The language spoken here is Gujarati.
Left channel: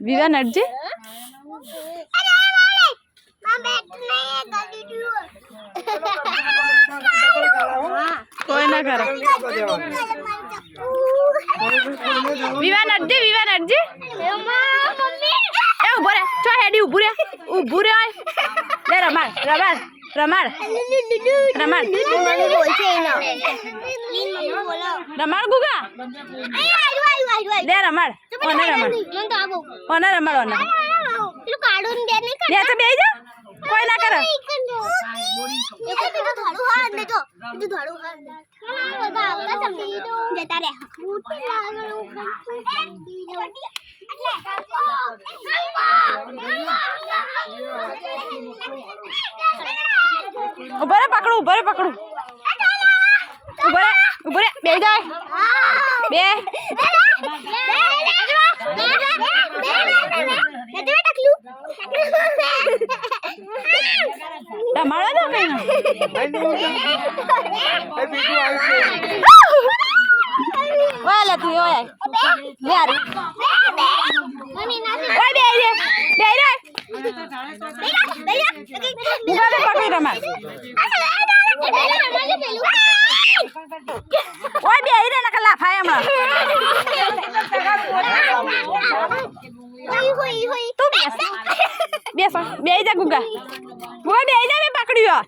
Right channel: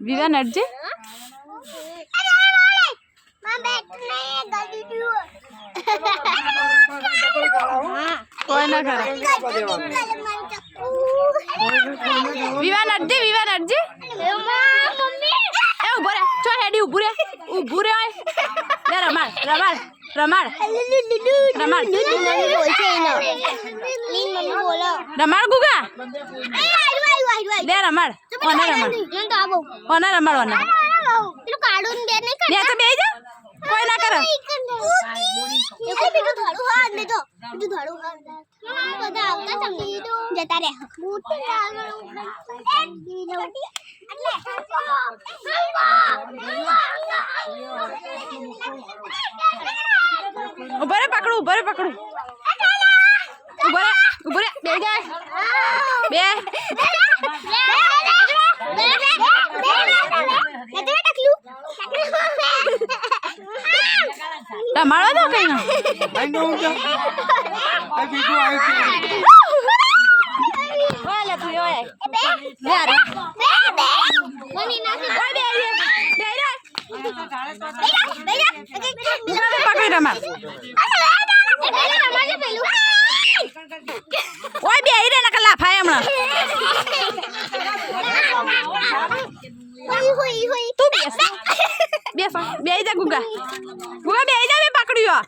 વિવા નટજી કોઈ ના કરે વિવા નટજી એ ઉભો રે ચો હેડી ઉભું રે લે રમાડ ગુગા લે રમાડ ઓને રમાડ બે તો બે જા કોઈ ના કરે ઉભો રે પકડું ઉભો રે બે જાય બે તમારો તો કઈ ઓય લે તું ઓય લે આરી ઓય બે રે પકડી રમા ઓય બે રે નકલા ફાય હમણાં તું બેસ બે જા ગુગા બે જા મે પકડ્યો